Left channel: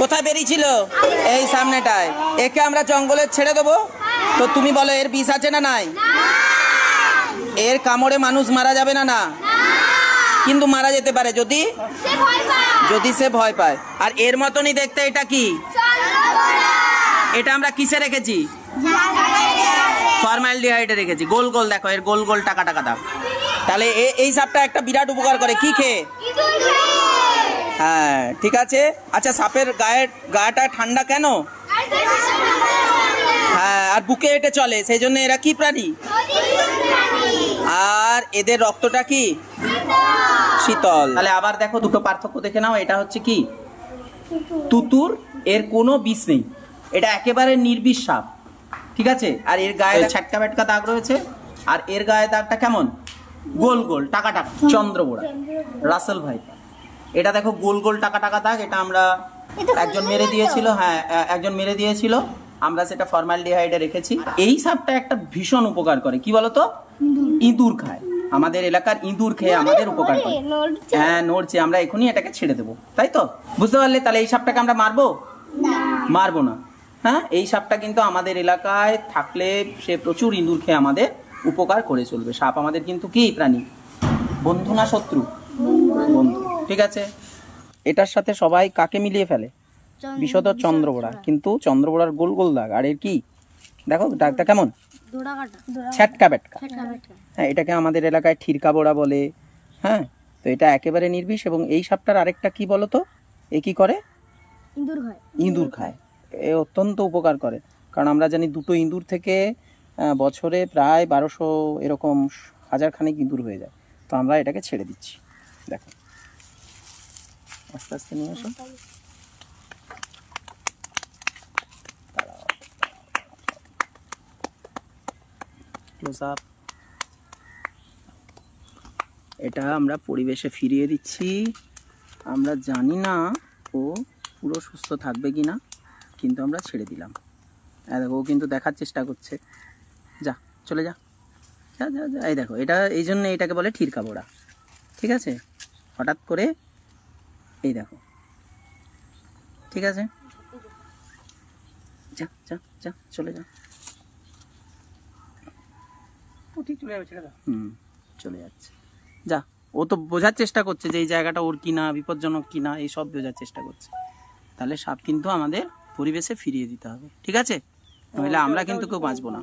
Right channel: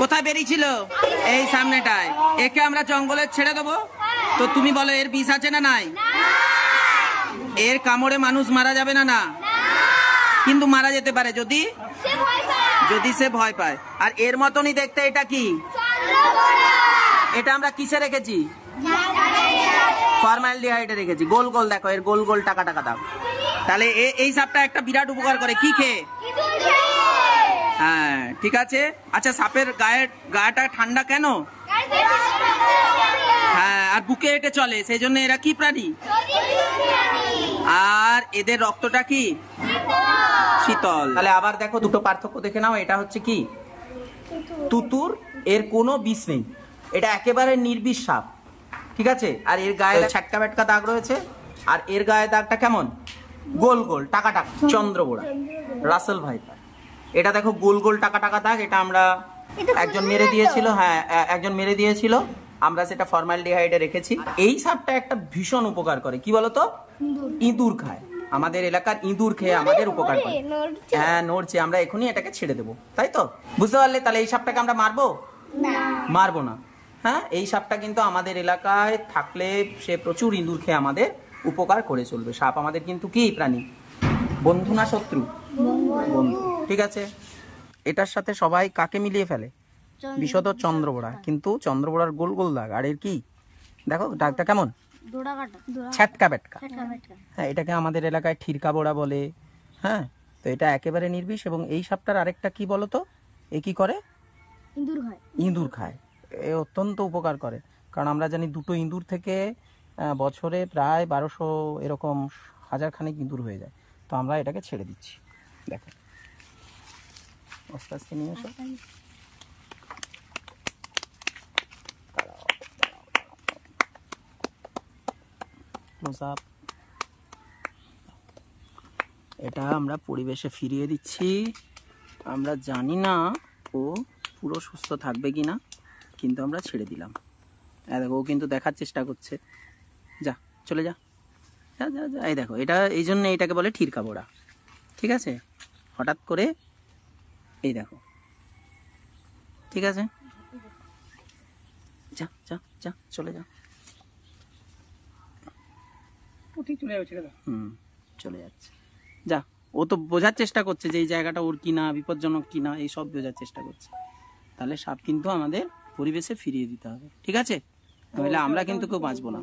কোথায় বেরিয়েছিল? এই সামনেটায়। একে আমরা জঙ্গলে ছেড়ে দেবো, তো তুমি বলো এর বিষ আছে না নাই? এর কামড়ে মানুষ মারা যাবে না? না, কিন্তু মারা যেতে পারে যদি সে ভয় পায়। আর এর মতনই দেখতে এটা কি? এটা আমরা কিসে রেখেছি? ফর্মালডিহাইডে রেখেছি। গোল গোল দেখো, এর গোল গোল টাকা টাকা দাও। তাহলে এই সাপটা একটা বিরাট উপকার করে, কি খেয়ে? হ্যাঁ ঠিক আছে। আচ্ছা, সাপের গায়েটা ঠান্ডা কেন? হ্যাঁ, আর বুকে হেঁটে চলে, সেই জন্য এরা কি প্রাণী? আর এদের রক্তটা কি? শীতল। তাহলে আবার দেখো দুটো পার্থক্য দেখে নাও। এটা হচ্ছে কি? তুতুর, এর কোনো বিষ নেই, এটা একেবারে নির্বিষ সাপ, ঠিক আছে। আর এর গায়ে ছাটকা ব্যাটকা দাগ রয়েছে, আর এর গায়ে দাগটা কেমন? গোল গোল টাকা টাকা। চন্দ্রবোড়া, রাসেল ভাইপার, এটা দেখো গোল গোল টাকা টাকা দাগ। এটা আমরা একজন মেরে দিয়েছিল, হ্যাঁ একজন মেরে দিয়েছিল, আমরা সেটা ফর্মালডিহাইডে রেখেছি। এই সাপটা একটা ভীষণ উপকার করে, কি বলতো? ইঁদুর খায়। আমাদের এলাকার ইঁদুর খেয়ে আমাদের উপকার করে। হ্যাঁ নড়ছে, আমরা এখনই এটাকে ছেড়ে দেবো, তাই তো? বুঝতে পারলে? তাহলে এই সাপটাকে আমরা মারবো? মারবো না। হ্যাঁ, এই সাপটা কিন্তু আমাদের এলাকায় থাকলে সে প্রচুর ইঁদুর খেয়ে আমাদের উপকার করে চলবে। সাপ আমাদের কিন্তু কি প্রাণী? বন্ধু না শত্রু? বন্ধু, ঠিক আছে। এটার সাথে সবাই কাকে মিলিয়ে ফেলে? বিশদ চন্দ্রবোড়া, কিন্তু চন্দ্রবোড়ার গোল গোল দাগ। আর এর কি দেখো দাগটা কেমন? ছাটকা বেটকা। হ্যাঁ, এটাকে আমাদের এলাকায় ঠিরকা বোড়া বলে। হ্যাঁ, তো এটা একেবারে নির্বিষ। এবং এই সাপটার আরেকটা কি বলতো? এ কি করে? ইঁদুর খায়। এ অত্যন্ত উপকার করে, কারণ আমরা জানি দুটো ইঁদুর থেকে বছরে প্রায় 1200 এরকম হাজার খানেক ইঁদুর হয়ে যায়। তো আমরা এটাকে ছেড়ে দিচ্ছি। দেখো আস্তে আস্তে নিয়ে আসো। এটা আমরা পরিবেশে ফিরিয়ে দিচ্ছি। আমরা জানি না ও পুরো সুস্থ থাকবে কিনা, কিন্তু আমরা ছেড়ে দিলাম। দেখো ও কিন্তু দেখার চেষ্টা করছে। যা, চলে যা, যা যা যা। এই দেখো, এটা এই জন্য এটাকে বলে ঠিরকা বোড়া, ঠিক আছে। হঠাৎ করে এই দেখো, ঠিক আছে, যা যা যা, চলে যা। চলে যাচ্ছে। যা, ও তো বোঝার চেষ্টা করছে যে এই জায়গাটা ওর কিনা, বিপজ্জনক কিনা, এই সব বোঝার চেষ্টা করছে। তাহলে সাপ কিন্তু আমাদের পরিবেশে ফিরিয়ে দিতে হবে, ঠিক আছে? নইলে আমরা কিন্তু কেউ বাঁচবো না।